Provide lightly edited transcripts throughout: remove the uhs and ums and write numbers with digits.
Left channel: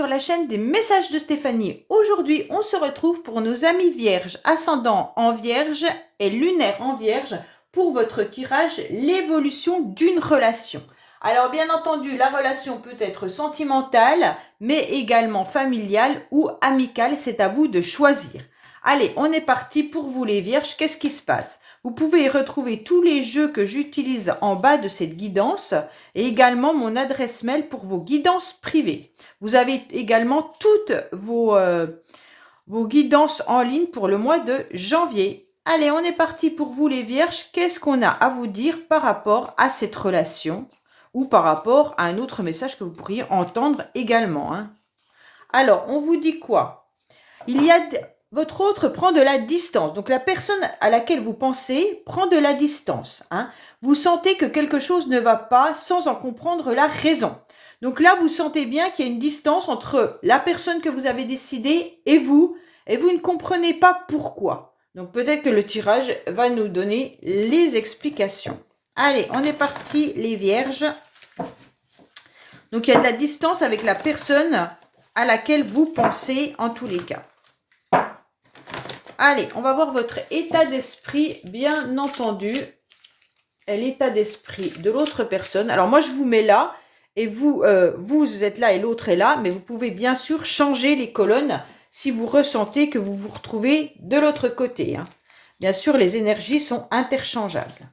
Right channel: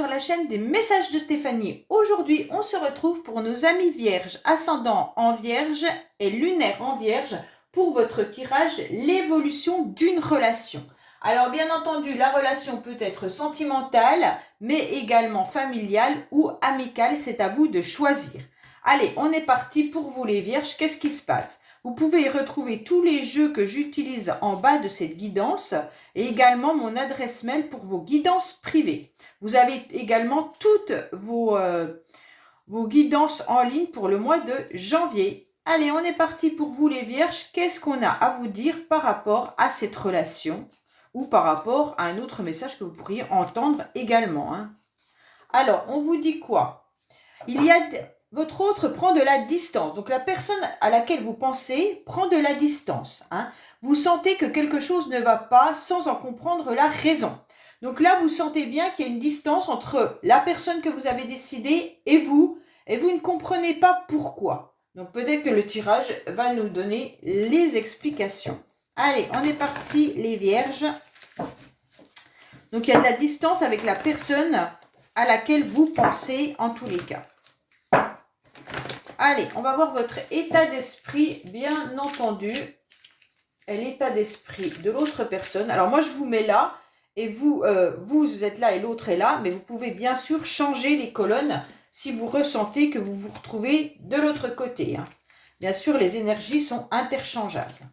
sur la chaîne des messages de Stéphanie. Aujourd'hui, on se retrouve pour nos amis vierges, ascendant en vierge et lunaire en vierge pour votre tirage, l'évolution d'une relation. Alors bien entendu, la relation peut être sentimentale, mais également familiale ou amicale, c'est à vous de choisir. Allez, on est parti pour vous les vierges, qu'est-ce qui se passe? Vous pouvez retrouver tous les jeux que j'utilise en bas de cette guidance et également mon adresse mail pour vos guidances privées. Vous avez également toutes vos guidances en ligne pour le mois de janvier. Allez, on est parti pour vous les vierges. Qu'est-ce qu'on a à vous dire par rapport à cette relation ou par rapport à un autre message que vous pourriez entendre également, hein? Alors, on vous dit quoi? Votre autre prend de la distance. Donc, la personne à laquelle vous pensez prend de la distance, hein. Vous sentez que quelque chose ne va pas sans en comprendre la raison. Donc là, vous sentez bien qu'il y a une distance entre la personne que vous avez décidé et vous ne comprenez pas pourquoi. Donc, peut-être que le tirage va nous donner les explications. Allez, on est parti, les vierges. Donc, il y a de la distance avec la personne à laquelle vous pensez en tous les cas. Allez, on va voir votre état d'esprit, bien entendu. Et l'état d'esprit de l'autre personne. Alors, moi, je vous mets là. Et vous êtes là et l'autre est là. Mais vous pouvez bien sûr changer les colonnes si vous ressentez que vous vous retrouvez de l'autre côté, hein. Bien sûr, les énergies sont interchangeables.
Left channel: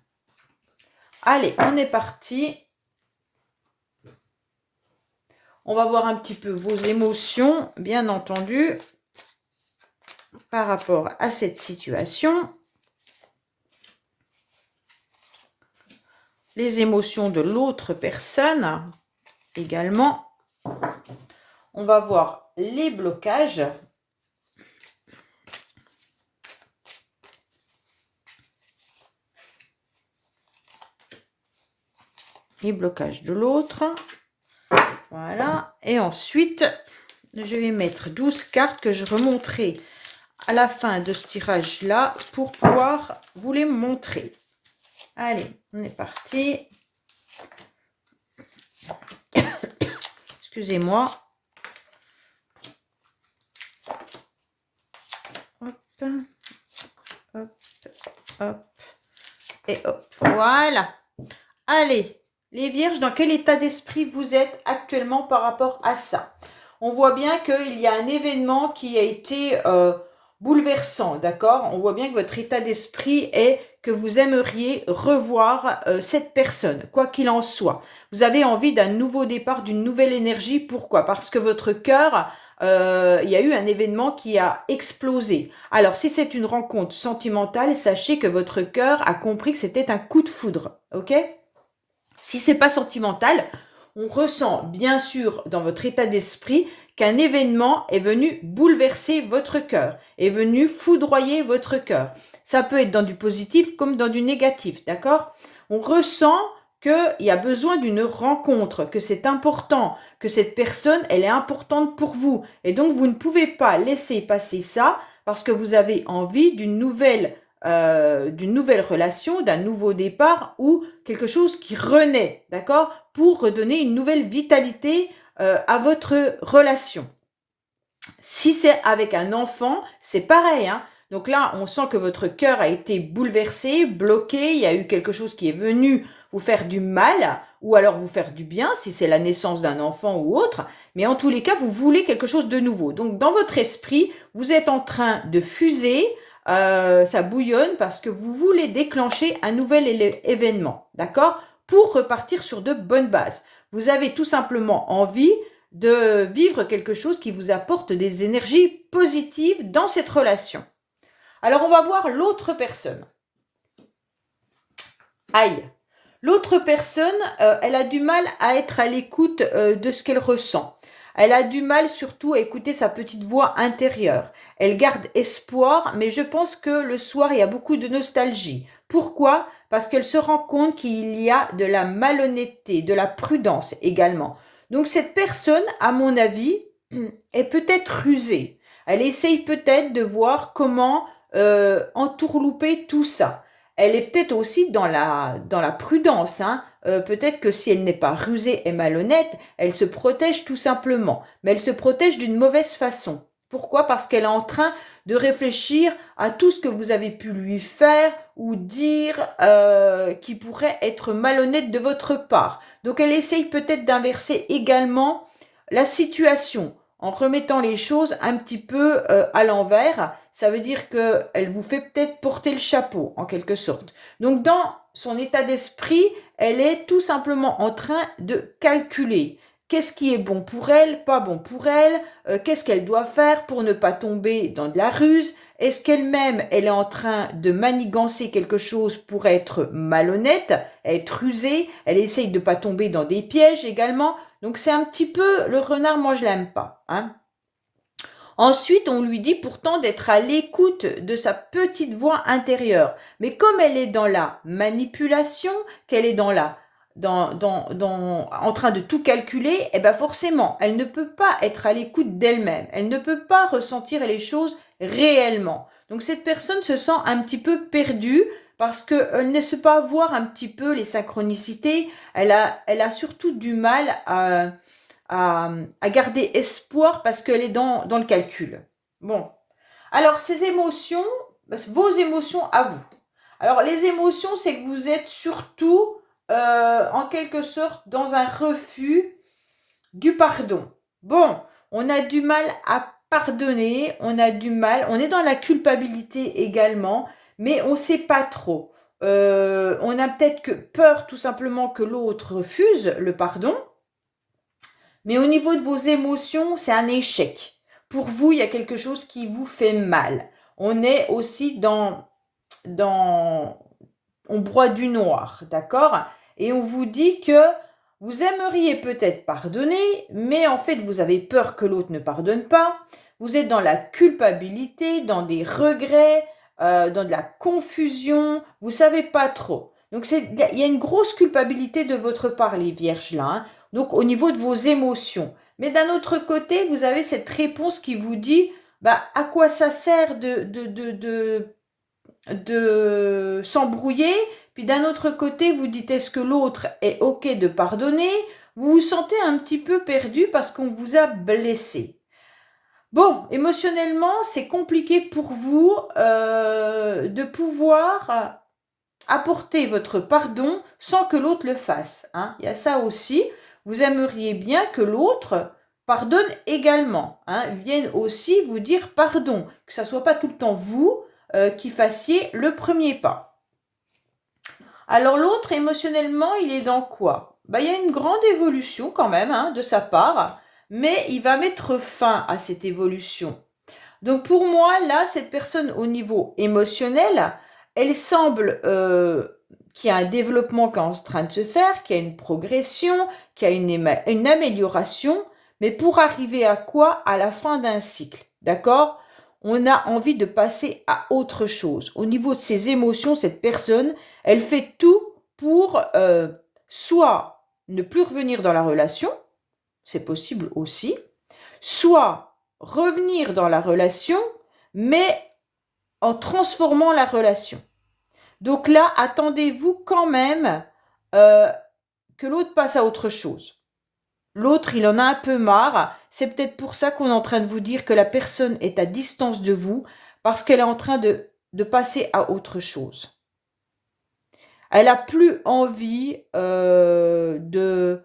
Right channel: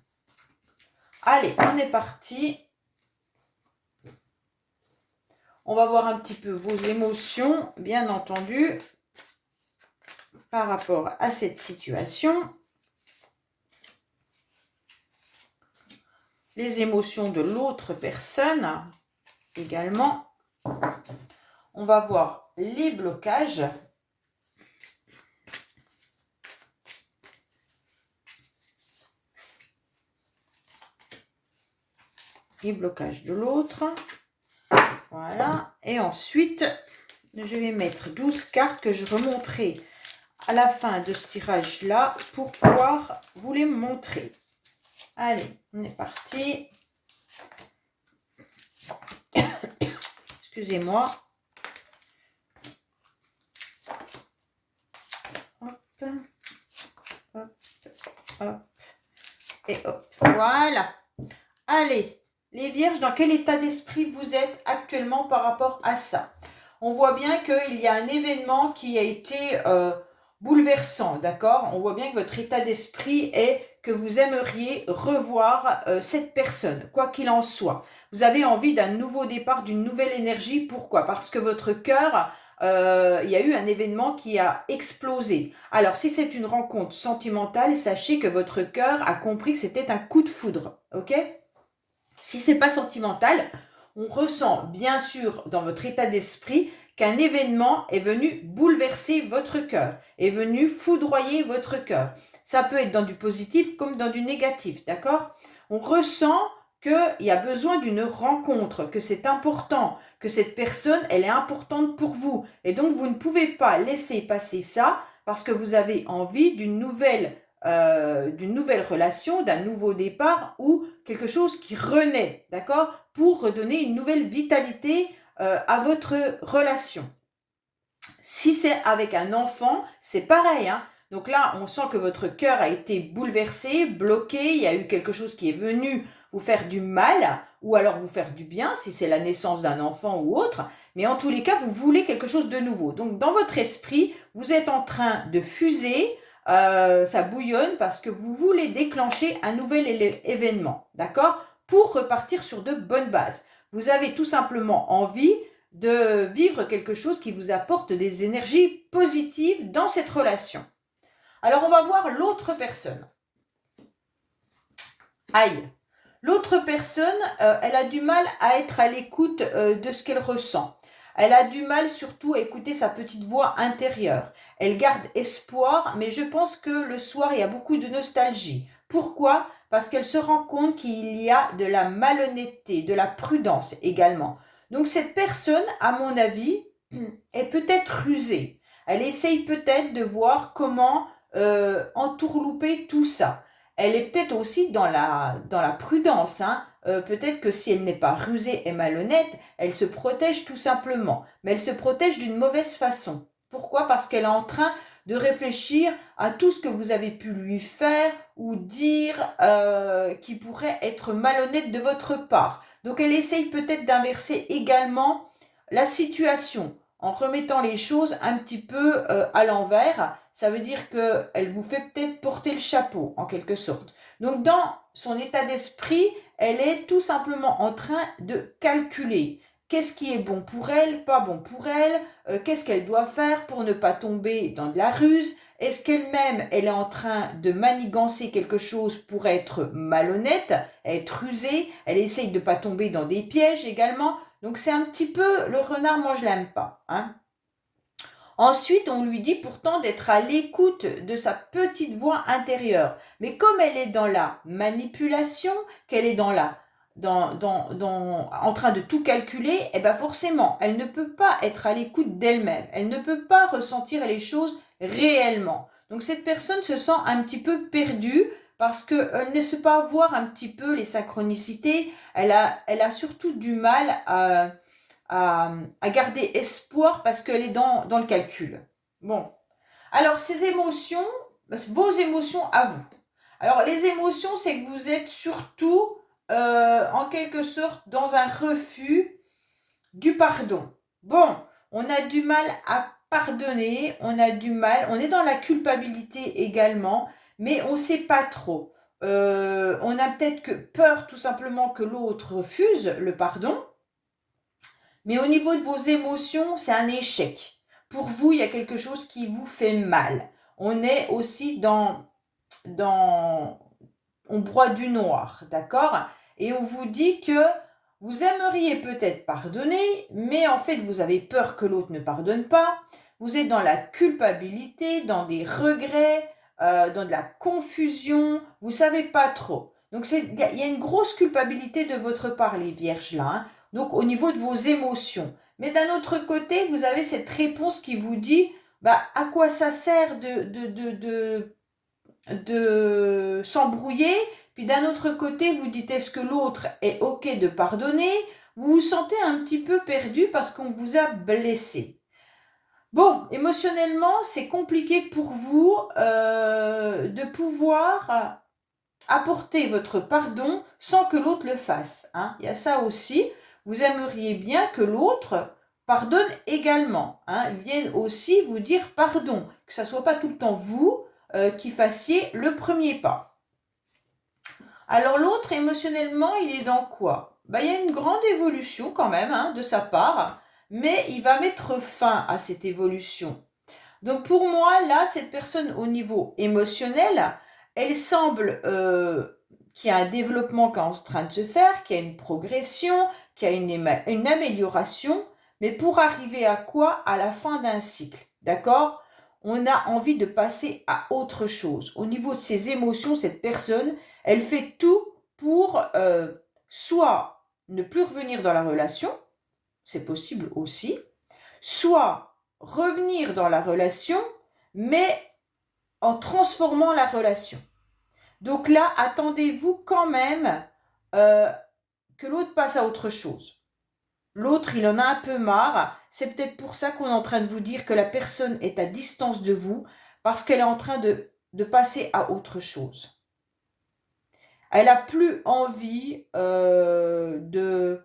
Allez, on est parti. On va voir un petit peu vos émotions, bien entendu, par rapport à cette situation. Les émotions de l'autre personne également. On va voir les blocages. Les blocages de l'autre. Voilà. Et ensuite, je vais mettre 12 cartes que je remonterai à la fin de ce tirage-là pour pouvoir vous les montrer. Allez, on est parti. Excusez-moi. Hop, hop, hop, et hop. Voilà. Allez, les vierges, dans quel état d'esprit vous êtes actuellement par rapport à ça? On voit bien qu'il y a un événement qui a été bouleversant, d'accord? On voit bien que votre état d'esprit est que vous aimeriez revoir cette personne, quoi qu'il en soit. Vous avez envie d'un nouveau départ, d'une nouvelle énergie. Pourquoi? Parce que votre cœur, il y a eu un événement qui a explosé. Alors, si c'est une rencontre sentimentale, sachez que votre cœur a compris que c'était un coup de foudre, ok? Si c'est pas sentimental, on ressent bien sûr dans votre état d'esprit qu'un événement est venu bouleverser votre cœur, est venu foudroyer votre cœur. Ça peut être dans du positif comme dans du négatif, d'accord? On ressent qu'il y a besoin d'une rencontre, que c'est important, que cette personne, elle est importante pour vous. Et donc, vous ne pouvez pas laisser passer ça parce que vous avez envie d'une nouvelle relation, d'un nouveau départ ou quelque chose qui renaît, d'accord? Pour redonner une nouvelle vitalité à votre relation. Si c'est avec un enfant, c'est pareil, hein? Donc là, on sent que votre cœur a été bouleversé, bloqué, il y a eu quelque chose qui est venu vous faire du mal ou alors vous faire du bien, si c'est la naissance d'un enfant ou autre. Mais en tous les cas, vous voulez quelque chose de nouveau. Donc dans votre esprit, vous êtes en train de fuser, ça bouillonne parce que vous voulez déclencher un nouvel événement, d'accord? Pour repartir sur de bonnes bases. Vous avez tout simplement envie de vivre quelque chose qui vous apporte des énergies positives dans cette relation. Alors, on va voir l'autre personne. Aïe. L'autre personne, elle a du mal à être à l'écoute de ce qu'elle ressent. Elle a du mal surtout à écouter sa petite voix intérieure. Elle garde espoir, mais je pense que le soir, il y a beaucoup de nostalgie. Pourquoi? Parce qu'elle se rend compte qu'il y a de la malhonnêteté, de la prudence également. Donc cette personne, à mon avis, est peut-être rusée. Elle essaye peut-être de voir comment entourlouper tout ça. elle est peut-être aussi dans la prudence, hein. Peut-être que si elle n'est pas rusée et malhonnête, elle se protège tout simplement. Mais elle se protège d'une mauvaise façon. Pourquoi? Parce qu'elle est en train de réfléchir à tout ce que vous avez pu lui faire ou dire qui pourrait être malhonnête de votre part. Donc elle essaye peut-être d'inverser également la situation en remettant les choses un petit peu à l'envers. Ça veut dire qu'elle vous fait peut-être porter le chapeau, en quelque sorte. Donc, dans son état d'esprit, elle est tout simplement en train de calculer. Qu'est-ce qui est bon pour elle, pas bon pour elle, qu'est-ce qu'elle doit faire pour ne pas tomber dans de la ruse, est-ce qu'elle-même, elle est en train de manigancer quelque chose pour être malhonnête, être rusée, elle essaye de ne pas tomber dans des pièges également. Donc c'est un petit peu, le renard, moi je l'aime pas, hein. Ensuite, on lui dit pourtant d'être à l'écoute de sa petite voix intérieure. Mais comme elle est dans la manipulation, qu'elle est en train de tout calculer, eh ben forcément, elle ne peut pas être à l'écoute d'elle-même. Elle ne peut pas ressentir les choses réellement. Donc cette personne se sent un petit peu perdue parce qu'elle ne sait pas voir un petit peu les synchronicités. Elle a surtout du mal à garder espoir parce qu'elle est dans le calcul. Bon, alors ces émotions, vos émotions à vous. Alors les émotions, c'est que vous êtes surtout en quelque sorte dans un refus du pardon. Bon, on a du mal à pardonner, on a du mal, on est dans la culpabilité également, mais on ne sait pas trop. On a peut-être que peur tout simplement que l'autre refuse le pardon. Mais au niveau de vos émotions, c'est un échec. Pour vous, il y a quelque chose qui vous fait mal. On est aussi on broie du noir, d'accord? Et on vous dit que vous aimeriez peut-être pardonner, mais en fait, vous avez peur que l'autre ne pardonne pas. Vous êtes dans la culpabilité, dans des regrets, dans de la confusion. Vous savez pas trop. Donc, il y a une grosse culpabilité de votre part, les vierges, là, hein. Donc, au niveau de vos émotions. Mais d'un autre côté, vous avez cette réponse qui vous dit, bah, à quoi ça sert de s'embrouiller? Puis d'un autre côté, vous dites, est-ce que l'autre est OK de pardonner? Vous vous sentez un petit peu perdu parce qu'on vous a blessé. Bon, émotionnellement, c'est compliqué pour vous de pouvoir apporter votre pardon sans que l'autre le fasse, hein. Il y a ça aussi. Vous aimeriez bien que l'autre pardonne également, hein, vienne aussi vous dire pardon, que ça ne soit pas tout le temps vous qui fassiez le premier pas. Alors l'autre, émotionnellement, il est dans quoi? Il y a une grande évolution quand même, hein, de sa part, mais il va mettre fin à cette évolution. Donc pour moi, là, cette personne au niveau émotionnel, elle semble qu'il y a un développement qui est en train de se faire, qu'il y a une progression, qu'il y a une amélioration, mais pour arriver à quoi? À la fin d'un cycle, d'accord? On a envie de passer à autre chose. Au niveau de ses émotions, cette personne, elle fait tout pour soit ne plus revenir dans la relation, c'est possible aussi, soit revenir dans la relation, mais en transformant la relation. Donc là, attendez-vous quand même que l'autre passe à autre chose. L'autre, il en a un peu marre. C'est peut-être pour ça qu'on est en train de vous dire que la personne est à distance de vous, parce qu'elle est en train de passer à autre chose. Elle n'a plus envie de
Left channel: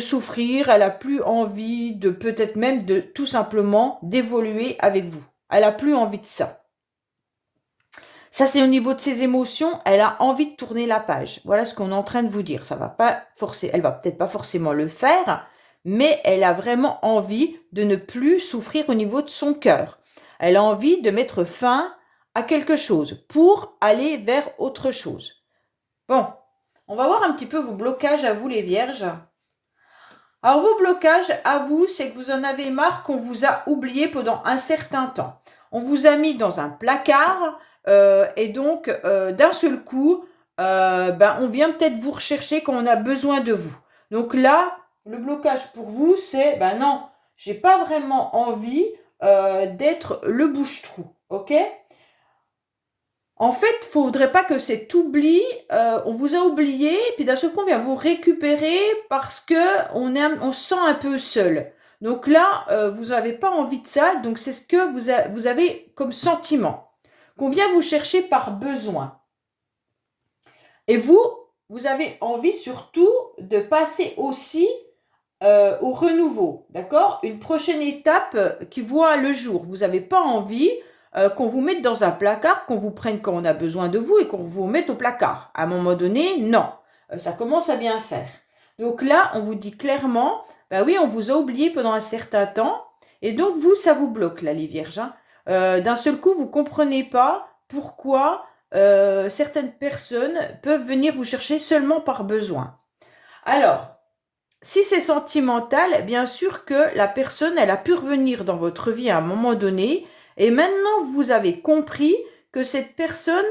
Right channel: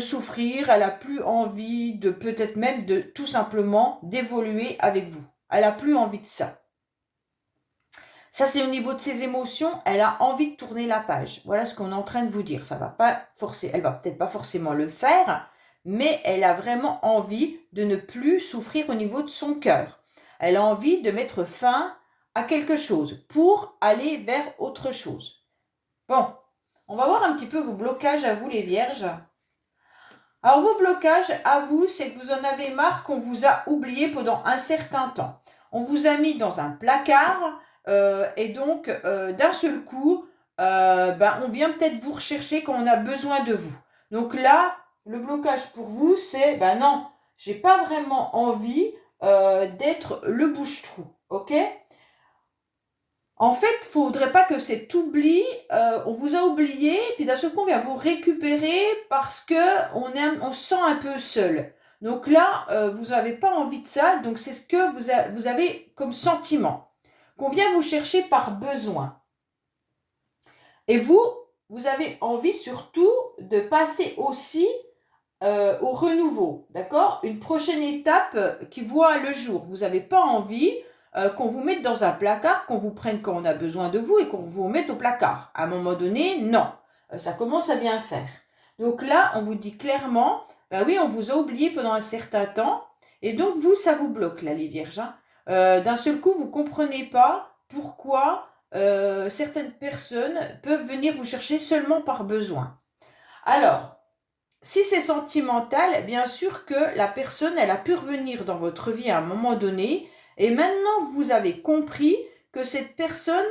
souffrir, elle n'a plus envie de peut-être même de tout simplement d'évoluer avec vous. Elle n'a plus envie de ça. Ça, c'est au niveau de ses émotions, elle a envie de tourner la page. Voilà ce qu'on est en train de vous dire. Ça va pas forcer, elle va peut-être pas forcément le faire, mais elle a vraiment envie de ne plus souffrir au niveau de son cœur. Elle a envie de mettre fin à quelque chose pour aller vers autre chose. Bon, on va voir un petit peu vos blocages à vous les vierges. Alors vos blocages à vous, c'est que vous en avez marre qu'on vous a oublié pendant un certain temps. On vous a mis dans un placard et donc d'un seul coup, on vient peut-être vous rechercher quand on a besoin de vous. Donc là, le blocage pour vous, c'est non, j'ai pas vraiment envie d'être le bouche-trou, ok? En fait, il ne faudrait pas que cet oubli, on vous a oublié, puis d'un seul coup, on vient vous récupérer parce on se sent un peu seul. Donc là, vous n'avez pas envie de ça, donc c'est ce que vous avez comme sentiment, qu'on vient vous chercher par besoin. Et vous avez envie surtout de passer aussi au renouveau, d'accord? Une prochaine étape qui voit le jour. Vous n'avez pas envie qu'on vous mette dans un placard, qu'on vous prenne quand on a besoin de vous et qu'on vous mette au placard. À un moment donné, non. Ça commence à bien faire. Donc là, on vous dit clairement, bah oui, on vous a oublié pendant un certain temps, et donc vous, ça vous bloque là, les vierges, hein. D'un seul coup, vous ne comprenez pas pourquoi certaines personnes peuvent venir vous chercher seulement par besoin. Alors, si c'est sentimental, bien sûr que la personne, elle a pu revenir dans votre vie à un moment donné, et maintenant vous avez compris que cette personne,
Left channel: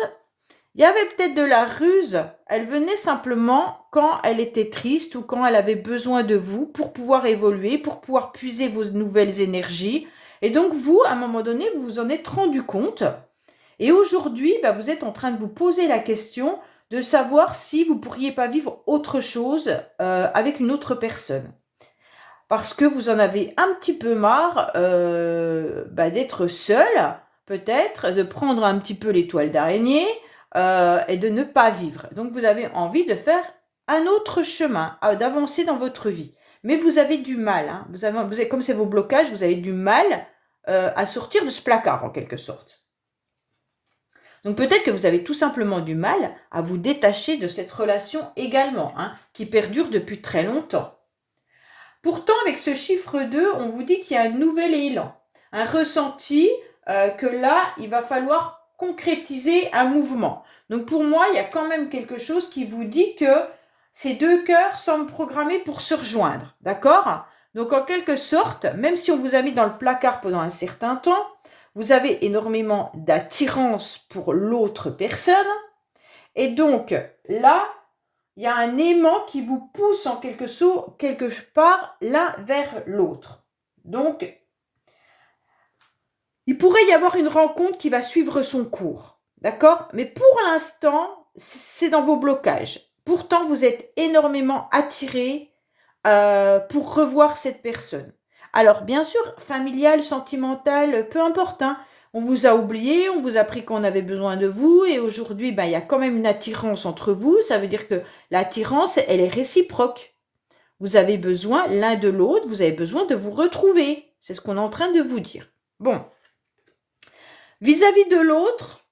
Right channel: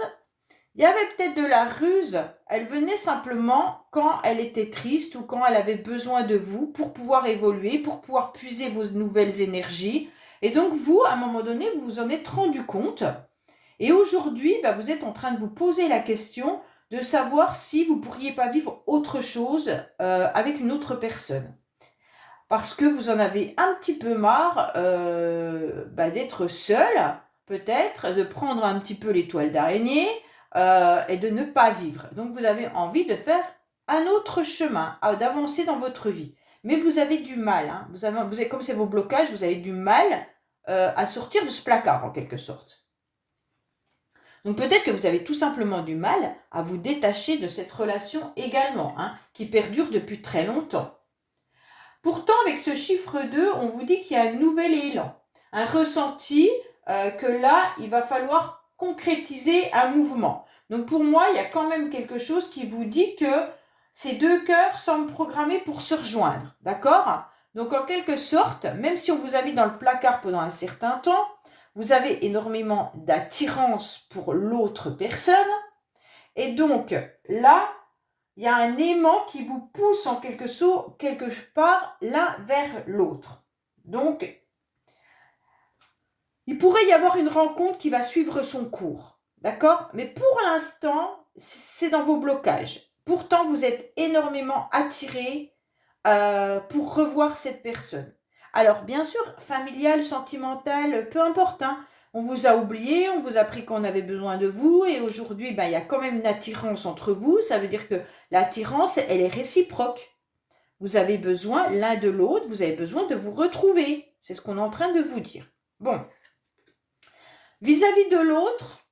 il y avait peut-être de la ruse, elle venait simplement quand elle était triste ou quand elle avait besoin de vous pour pouvoir évoluer, pour pouvoir puiser vos nouvelles énergies. Et donc vous, à un moment donné, vous vous en êtes rendu compte. Et aujourd'hui, bah, vous êtes en train de vous poser la question de savoir si vous ne pourriez pas vivre autre chose avec une autre personne. Parce que vous en avez un petit peu marre bah, d'être seul, peut-être, de prendre un petit peu les toiles d'araignée et de ne pas vivre. Donc vous avez envie de faire un autre chemin, d'avancer dans votre vie. Mais vous avez du mal, hein. Comme c'est vos blocages, vous avez du mal à sortir de ce placard en quelque sorte. Donc peut-être que vous avez tout simplement du mal à vous détacher de cette relation également, hein, qui perdure depuis très longtemps. Pourtant, avec ce chiffre 2, on vous dit qu'il y a un nouvel élan, un ressenti que là, il va falloir concrétiser un mouvement. Donc pour moi, il y a quand même quelque chose qui vous dit que ces deux cœurs semblent programmés pour se rejoindre, d'accord? Donc en quelque sorte, même si on vous a mis dans le placard pendant un certain temps, vous avez énormément d'attirance pour l'autre personne. Et donc là, il y a un aimant qui vous pousse en quelque part l'un vers l'autre. Donc, il pourrait y avoir une rencontre qui va suivre son cours. D'accord? Mais pour l'instant, c'est dans vos blocages. Pourtant, vous êtes énormément attiré pour revoir cette personne. Alors, bien sûr, familial, sentimental, peu importe, hein. On vous a oublié, on vous a pris qu'on avait besoin de vous, et aujourd'hui, ben, il y a quand même une attirance entre vous. Ça veut dire que l'attirance, elle est réciproque. Vous avez besoin l'un de l'autre, vous avez besoin de vous retrouver. C'est ce qu'on est en train de vous dire. Bon. Vis-à-vis de l'autre,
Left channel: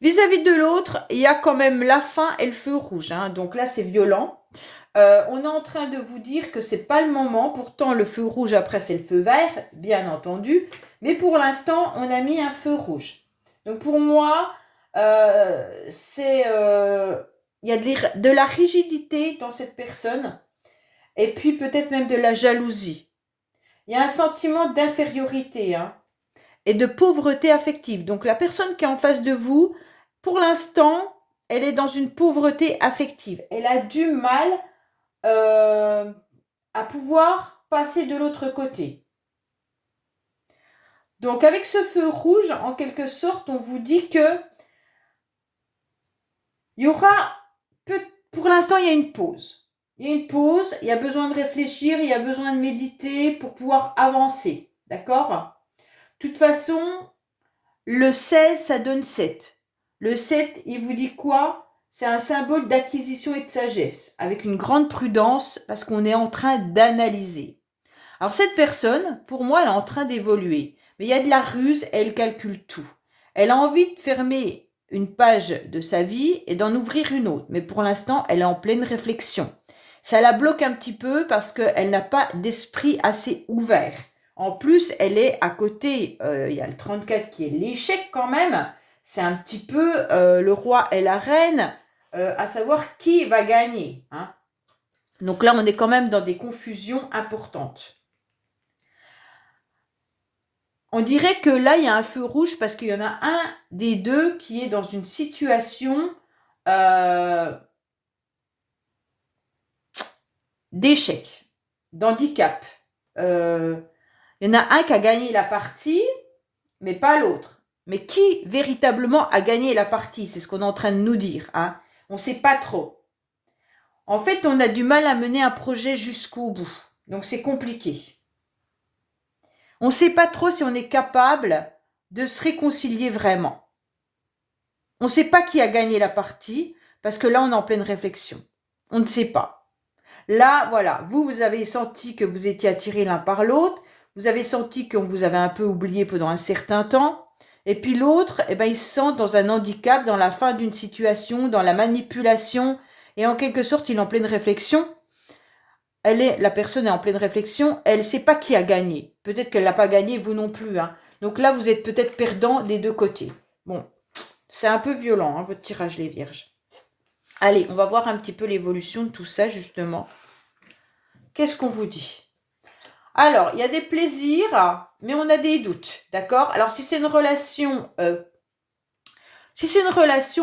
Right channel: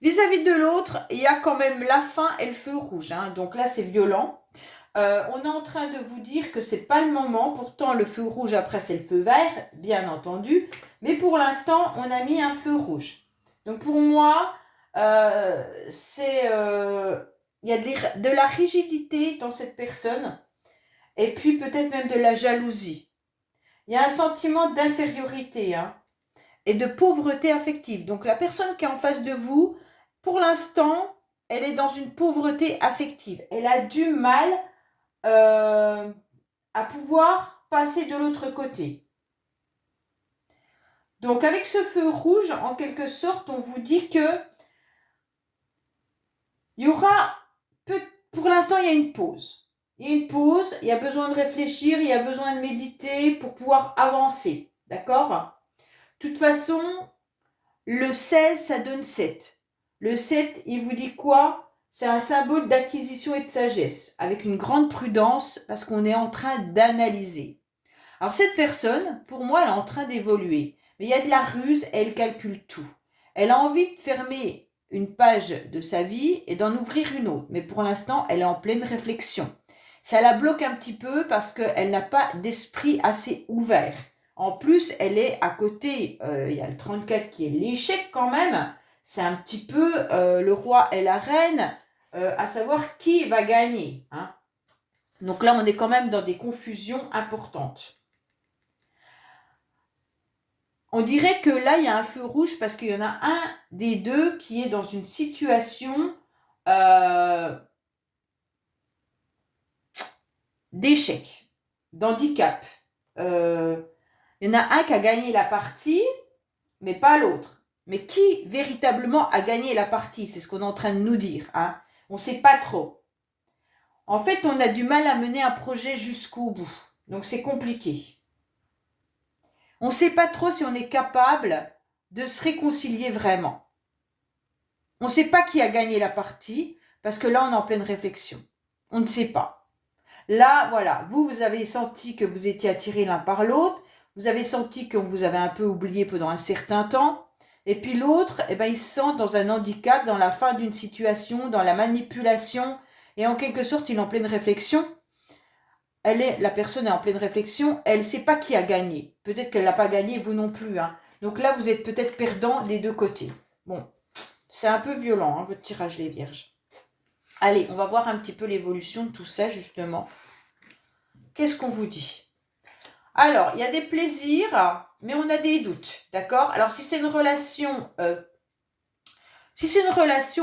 vis-à-vis de l'autre, il y a quand même la fin et le feu rouge, hein. Donc là, c'est violent. On est en train de vous dire que c'est pas le moment. Pourtant, le feu rouge, après, c'est le feu vert, bien entendu. Mais pour l'instant, on a mis un feu rouge. Donc pour moi, il y a de la rigidité dans cette personne. Et puis peut-être même de la jalousie. Il y a un sentiment d'infériorité, hein, et de pauvreté affective. Donc la personne qui est en face de vous, pour l'instant, elle est dans une pauvreté affective. Elle a du mal à pouvoir passer de l'autre côté. Donc avec ce feu rouge, en quelque sorte, on vous dit que il y aura, pour l'instant, il y a une pause. Il y a une pause, il y a besoin de réfléchir, il y a besoin de méditer pour pouvoir avancer. D'accord? De toute façon, le 16, ça donne 7. Le 7, il vous dit quoi? C'est un symbole d'acquisition et de sagesse, avec une grande prudence, parce qu'on est en train d'analyser. Alors cette personne, pour moi, elle est en train d'évoluer. Mais il y a de la ruse, elle calcule tout. Elle a envie de fermer une page de sa vie et d'en ouvrir une autre. Mais pour l'instant, elle est en pleine réflexion. Ça la bloque un petit peu parce qu'elle n'a pas d'esprit assez ouvert. En plus, elle est à côté, il y a le 34 qui est l'échec quand même. C'est un petit peu le roi et la reine, à savoir qui va gagner, hein. Donc là, on est quand même dans des confusions importantes. On dirait que là, il y a un feu rouge parce qu'il y en a un des deux qui est dans une situation d'échec, d'handicap. Il y en a un qui a gagné la partie, mais pas l'autre. Mais qui véritablement a gagné la partie? C'est ce qu'on est en train de nous dire. Hein. On ne sait pas trop. En fait, on a du mal à mener un projet jusqu'au bout. Donc, c'est compliqué. On ne sait pas trop si on est capable de se réconcilier vraiment. On ne sait pas qui a gagné la partie, parce que là, on est en pleine réflexion. On ne sait pas. Là, voilà, vous avez senti que vous étiez attirés l'un par l'autre, vous avez senti qu'on vous avait un peu oublié pendant un certain temps, et puis l'autre, eh ben, il se sent dans un handicap, dans la fin d'une situation, dans la manipulation, et en quelque sorte, il est en pleine réflexion. La personne est en pleine réflexion, elle ne sait pas qui a gagné. Peut-être qu'elle n'a pas gagné, vous non plus. Hein. Donc là, vous êtes peut-être perdant des deux côtés. Bon, c'est un peu violent, hein, votre tirage, les vierges. Allez, on va voir un petit peu l'évolution de tout ça, justement. Qu'est-ce qu'on vous dit? Alors, il y a des plaisirs, mais on a des doutes, d'accord? Alors, si c'est une relation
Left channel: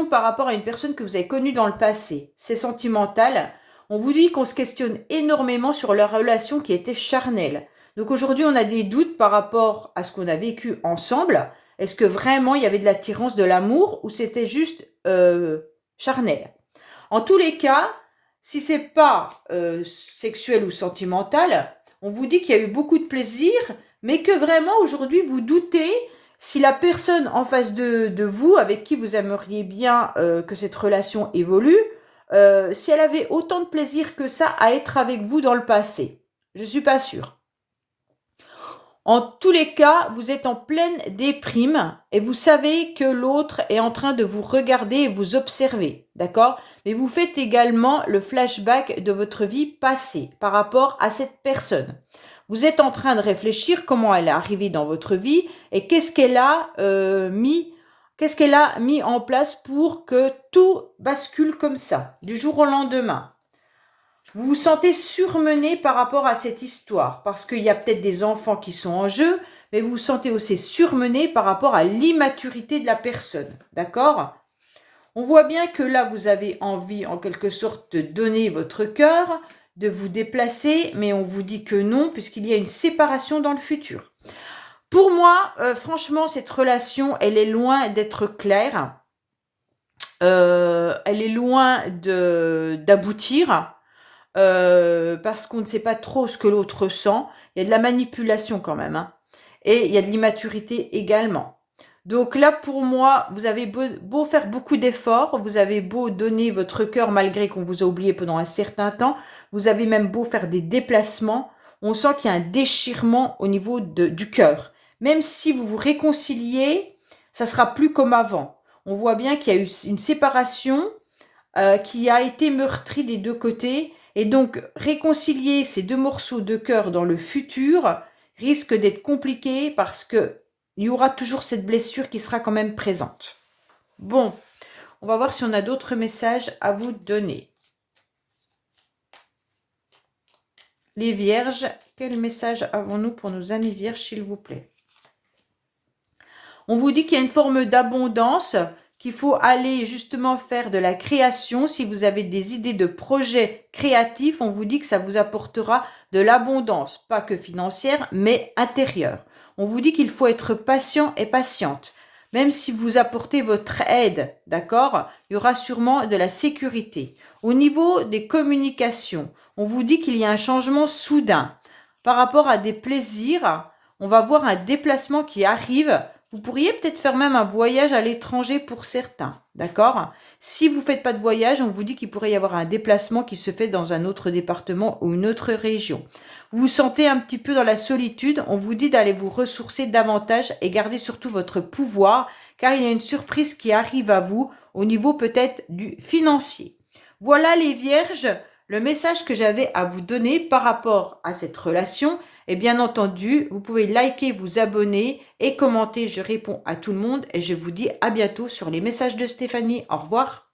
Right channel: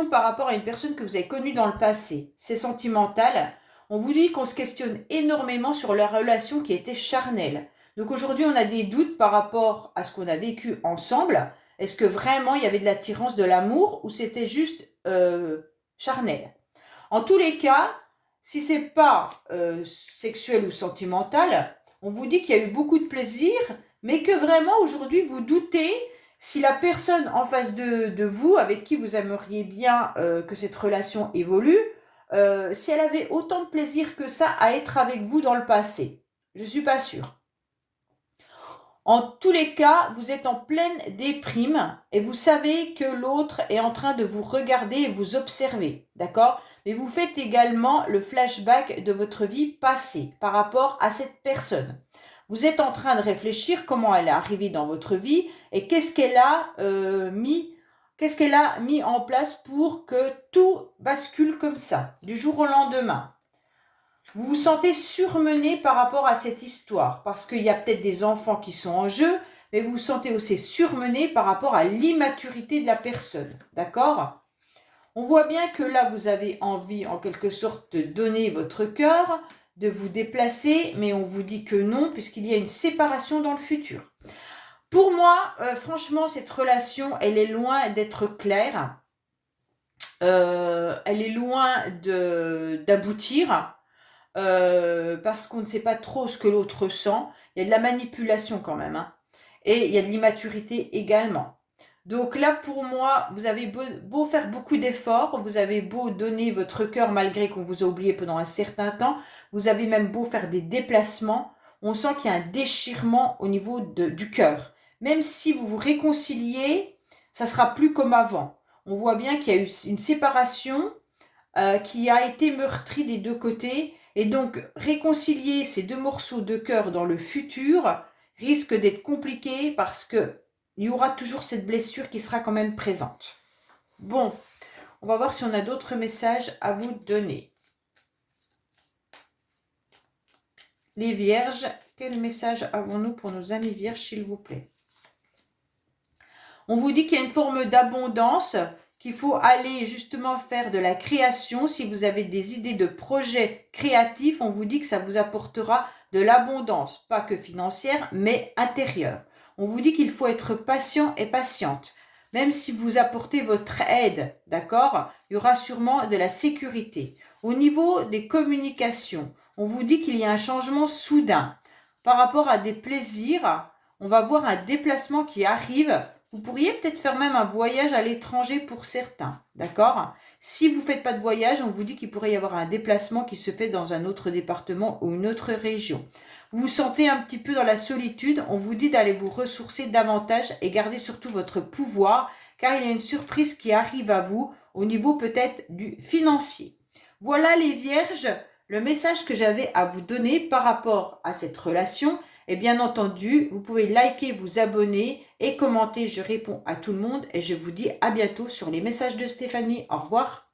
par rapport à une personne que vous avez connue dans le passé, c'est sentimental, on vous dit qu'on se questionne énormément sur la relation qui était charnelle. Donc aujourd'hui, on a des doutes par rapport à ce qu'on a vécu ensemble. Est-ce que vraiment il y avait de l'attirance, de l'amour, ou c'était juste charnel? En tous les cas, si c'est pas sexuel ou sentimental, on vous dit qu'il y a eu beaucoup de plaisir, mais que vraiment aujourd'hui vous doutez si la personne en face de vous, avec qui vous aimeriez bien que cette relation évolue, si elle avait autant de plaisir que ça à être avec vous dans le passé. Je ne suis pas sûre. En tous les cas, vous êtes en pleine déprime et vous savez que l'autre est en train de vous regarder et vous observer, d'accord? Mais vous faites également le flashback de votre vie passée par rapport à cette personne. Vous êtes en train de réfléchir comment elle est arrivée dans votre vie et qu'est-ce qu'elle a mis en place pour que tout bascule comme ça, du jour au lendemain. Vous vous sentez surmené par rapport à cette histoire, parce qu'il y a peut-être des enfants qui sont en jeu, mais vous vous sentez aussi surmené par rapport à l'immaturité de la personne, d'accord? On voit bien que là, vous avez envie, en quelque sorte, de donner votre cœur, de vous déplacer, mais on vous dit que non, puisqu'il y a une séparation dans le futur. Pour moi, franchement, cette relation, elle est loin d'être claire. Elle est loin d'aboutir. Parce qu'on ne sait pas trop ce que l'autre sent. Il y a de la manipulation quand même. Hein. Et il y a de l'immaturité également. Donc là, pour moi, vous avez beau faire beaucoup d'efforts, vous avez beau donner votre cœur malgré qu'on vous a oublié pendant un certain temps, vous avez même beau faire des déplacements, on sent qu'il y a un déchirement au niveau du cœur. Même si vous vous réconciliez, ça sera plus comme avant. On voit bien qu'il y a eu une séparation qui a été meurtrie des deux côtés. Et donc, réconcilier ces deux morceaux de cœur dans le futur risque d'être compliqué parce qu'il y aura toujours cette blessure qui sera quand même présente. Bon, on va voir si on a d'autres messages à vous donner. Les vierges, quel message avons-nous pour nos amis vierges, s'il vous plaît? On vous dit qu'il y a une forme d'abondance, qu'il faut aller justement faire de la création. Si vous avez des idées de projets créatifs, on vous dit que ça vous apportera de l'abondance, pas que financière, mais intérieure. On vous dit qu'il faut être patient et patiente. Même si vous apportez votre aide, d'accord, il y aura sûrement de la sécurité. Au niveau des communications, on vous dit qu'il y a un changement soudain. Par rapport à des plaisirs, on va voir un déplacement qui arrive. Vous pourriez peut-être faire même un voyage à l'étranger pour certains, d'accord? Si vous ne faites pas de voyage, on vous dit qu'il pourrait y avoir un déplacement qui se fait dans un autre département ou une autre région. Vous vous sentez un petit peu dans la solitude, on vous dit d'aller vous ressourcer davantage et garder surtout votre pouvoir, car il y a une surprise qui arrive à vous au niveau peut-être du financier. Voilà les vierges, le message que j'avais à vous donner par rapport à cette relation. Et bien entendu, vous pouvez liker, vous abonner et commenter. Je réponds à tout le monde et je vous dis à bientôt sur les messages de Stéphanie. Au revoir.